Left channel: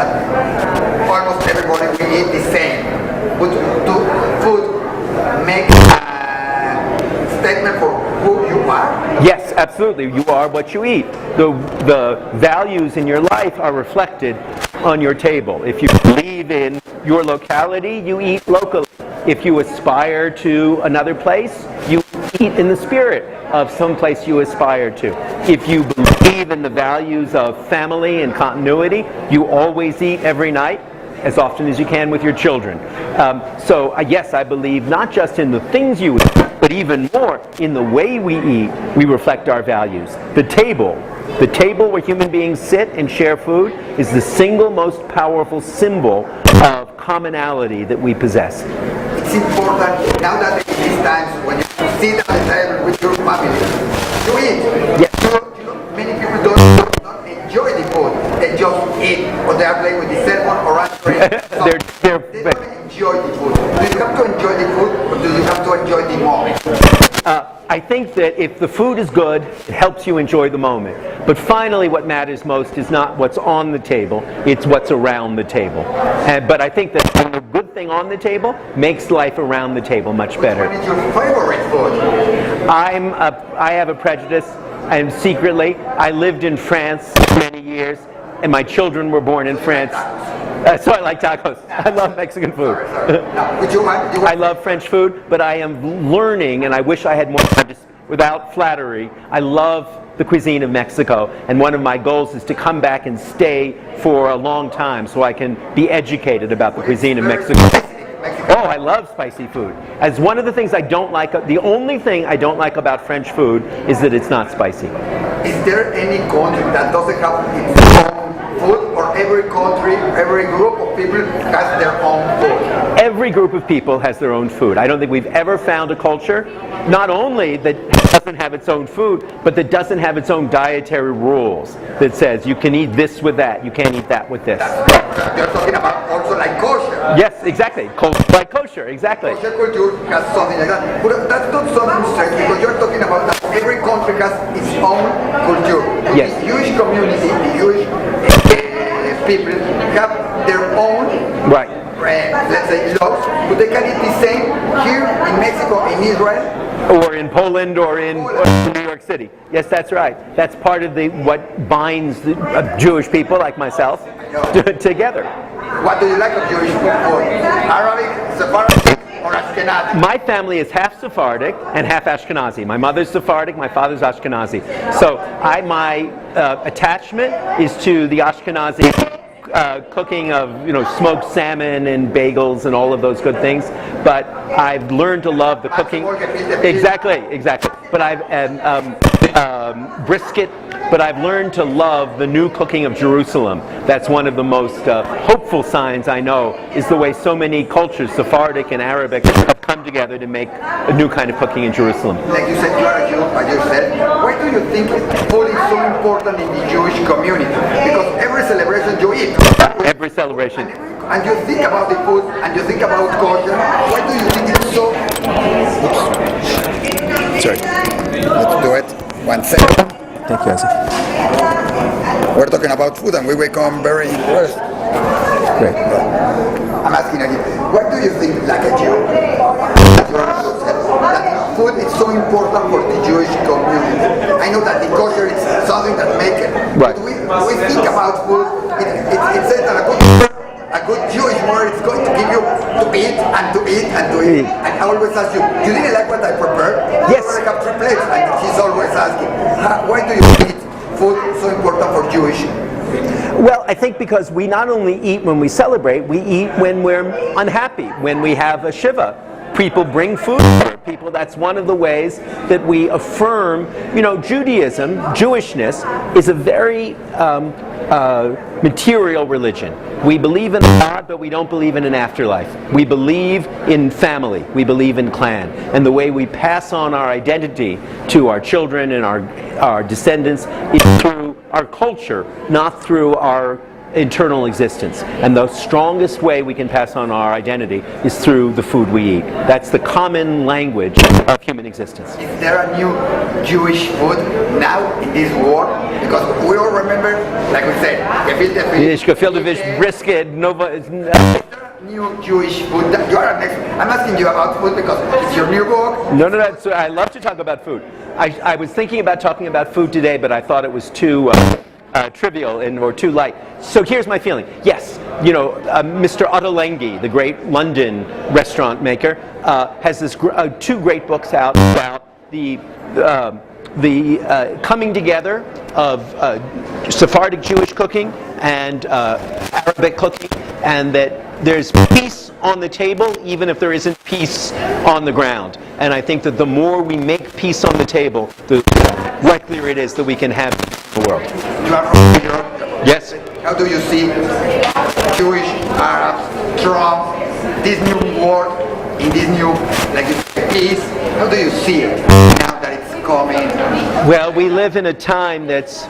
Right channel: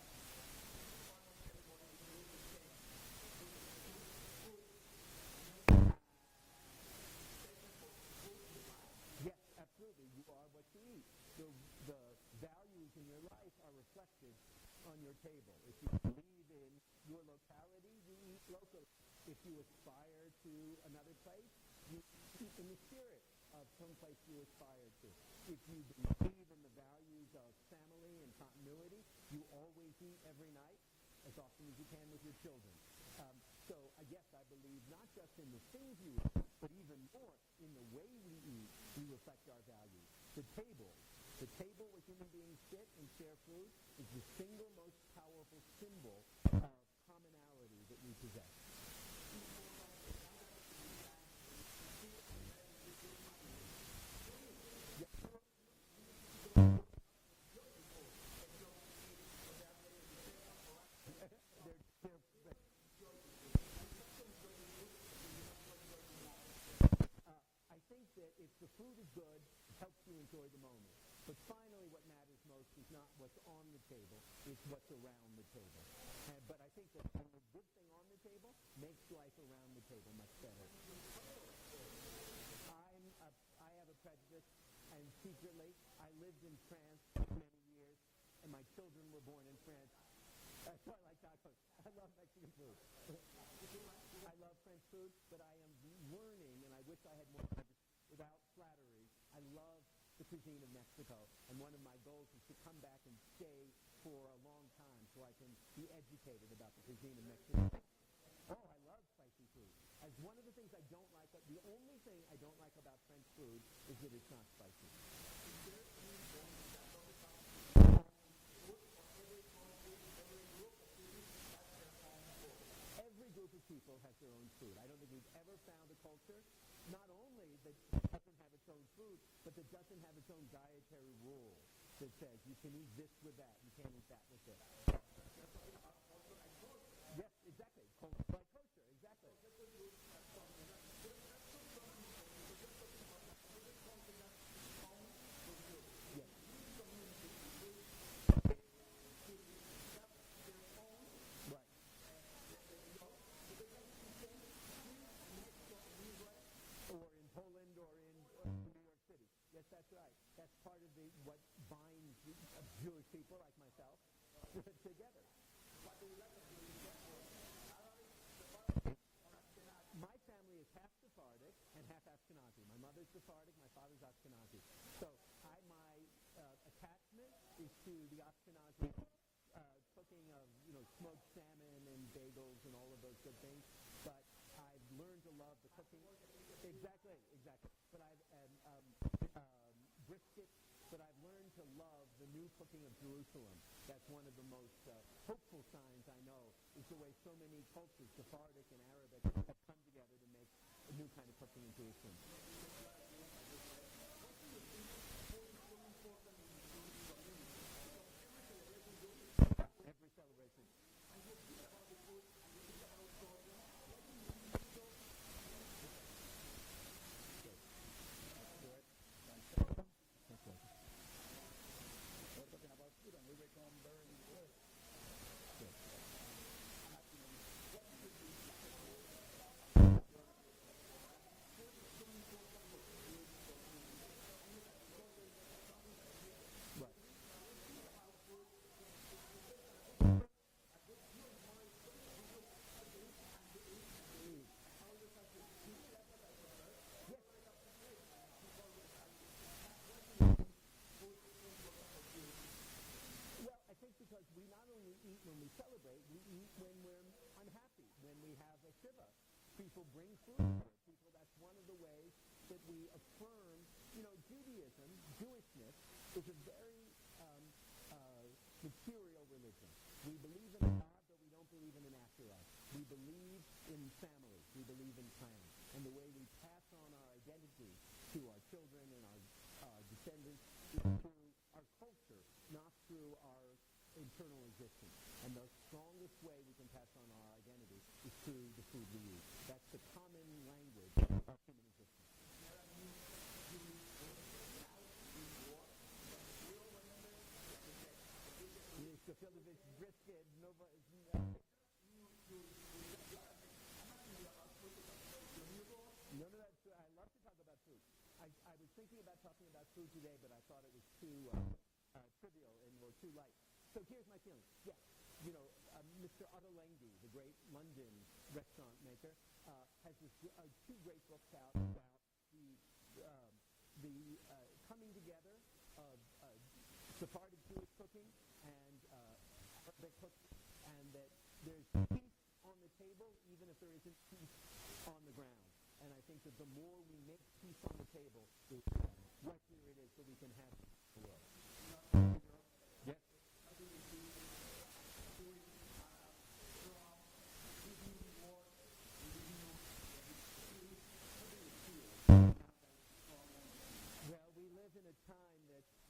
that almost everybody will eat the same. But do food make a statement for who you are? Yes, absolutely. You are what you eat. The values in your life are reflected on your table. If you believe in your locality, you eat locally. If you aspire to another place, you eat in the spirit of some place you aspire to. If you believe in the values of family and continuity, you always eat every night, as often as you can with your children. So yes, I believe not just in the things you eat, but even more in the way we eat, we reflect our values. The table where human beings sit and share food is the single most powerful symbol of commonality that we possess. It's important now that in these times when you sit at the table with your family, you eat. Yes. You know, many people don't enjoy the food. They just eat, or they are playing with the cell phone or answering. They don't enjoy the food. Do you have to enjoy the food, or do you have to enjoy the moment? I think that if the food is good, it helps you enjoy the moment. But finally, what matters most is not what's on the table, it's what's around the table. But I think that a good thing on the table makes life around the table much better. Which one is your favorite food? I have a prejudice, and secretly, I lived in France many years, and my children were born in France. So I like tacos. I love Mexican food. I love French food, but I am learning, and I wish I had more time, just without flattery. I love the cuisine of Mexico, and one of my goals is to come back and stay for a long time so I can be educated about the cuisine of Mexico. Oh, I love spicy food. As one of the things I don't like, the only thing I don't like about French food is that it's not spicy. Is there any country that doesn't have its own food, or every country, every group of people has their own food? Every group of people has their own food. I don't think we've ever found a culture, not only that doesn't have its own food, but that doesn't have its own dietary rules that says you can eat this with that, you can't eat that with this. You're talking about also like kosher. Yes, exactly. Like kosher, exactly. Kosher culture has something like that. But that's not something strange, because you're talking about that every country has its own culture. Yes. The Jewish community, the Jewish people have their own, right, let's say, laws, but they can eat the same here in Mexico, in Israel, or in Poland, or in New York City. Yes, that's right. That's part of what binds the Jewish people like myself together. What do you like of Jewish food? Arabic, Sephardic, or Ashkenazi? My family is half Sephardic and half Ashkenazi. My mother's Sephardic, my father's Ashkenazi. So my attachment is to the Ashkenazi cooking of smoked salmon and bagels and all of those good things. But I've learned to love the cooking. Exactly. But I've brisket. But I've learned to love the new cooking of Jerusalem. That's one of the most hopeful signs I know, is the way so many cultures, Sephardic and Arabic, have come together to make a new kind of cooking in Jerusalem. Like you said, you are a Jew, as you said. Why do you think food is so important in the Jewish community? Because every celebration you eat. Every celebration. And you think about the food, and you think about kosher. Why do you think it's so... Oops. Sorry. Let's do it. 1 second. Thank you, Isaac. We're talking about food, and we become very impressed. Great. I'm asking again, what do you think, like a Jew, that food is so important for the Jewish community? I know that the kosher is something that makes it. Right. But we think about food, it says that a good Jewish mother is going to give you to eat and to eat and to eat. And I always ask you, you didn't like what I prepared? Yes. I have 3 plates. And she's always asking, why do you think food so important for Jewish? Well, I think because we not only eat when we celebrate, we eat when we're unhappy, when we have a shiva. People bring food for people. That's one of the ways that we affirm, Judaism, Jewishness, is a very material religion. We believe in God, but we don't believe in an afterlife. We believe in family. We believe in clan. And the way we pass on our identity to our children and our descendants is through our culture, not through our internal existence. And the strongest way we can pass on our identity is through the food we eat. That's the common language of human existence. Is there a new Jewish food now in this war? Because we all remember, like we said, Gefilte fish, brisket, Nova. New Jewish food. You are next. I'm asking you about food because it's your new book. No. So I love to talk about food. I was thinking about talking about food today, but I thought it was too trivial or too light. So here's my feeling. Yes, Mr. Ottolenghi, the great London restaurant maker, has this two great books out about the coming together of Sephardic Jewish cooking and Arabic cooking, and that there's peace on the table even if there isn't peace on the ground. And I think that the more we make peace on the table, the likelier it is that we can have the world. You are from Europe. Yes. How do you see Jewish, Arabs, Trump, this new world, in this new peace? How do you see it now that it's coming? Well, we live in a time that's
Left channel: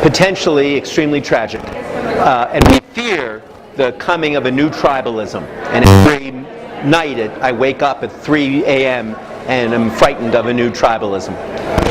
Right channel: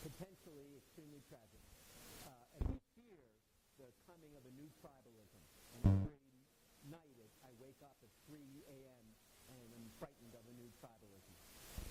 potentially extremely tragic, and we fear the coming of a new tribalism. And every night I wake up at 3 a.m. and I'm frightened of a new tribalism.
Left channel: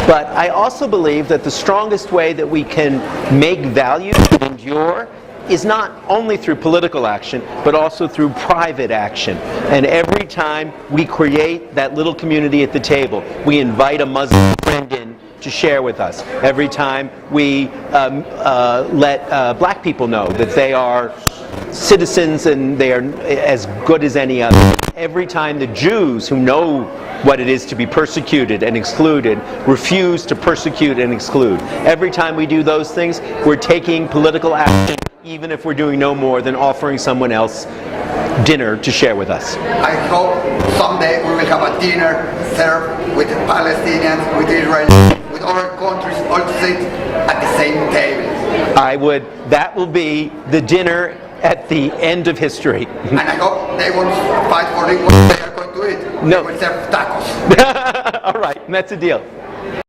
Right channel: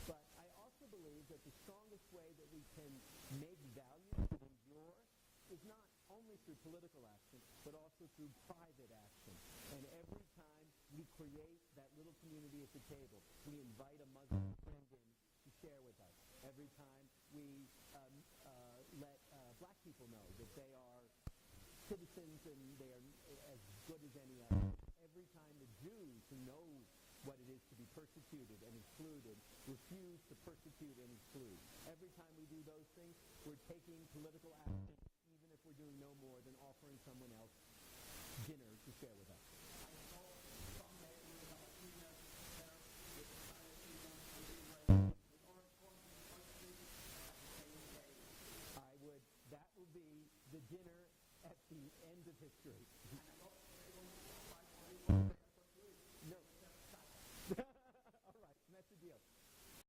But I also believe that the strongest way that we can make values endure is not only through political action, but also through private action. And every time we create that little community at the table, we invite a Muslim friend in to share with us. Every time we let black people know that they are citizens and they are as good as any other. Every time the Jews, who know what it is to be persecuted and excluded, refuse to persecute and exclude. Every time we do those things, we're taking political action, even if we're doing no more than offering someone else dinner to share with us. I hope someday we will have a dinner served with Palestinians, with Israel, with other countries all sit at the same table. That will be the dinner at the end of history. And I hope they won't fight for it when they are going to eat. No. They will serve tacos. All right, that's a deal.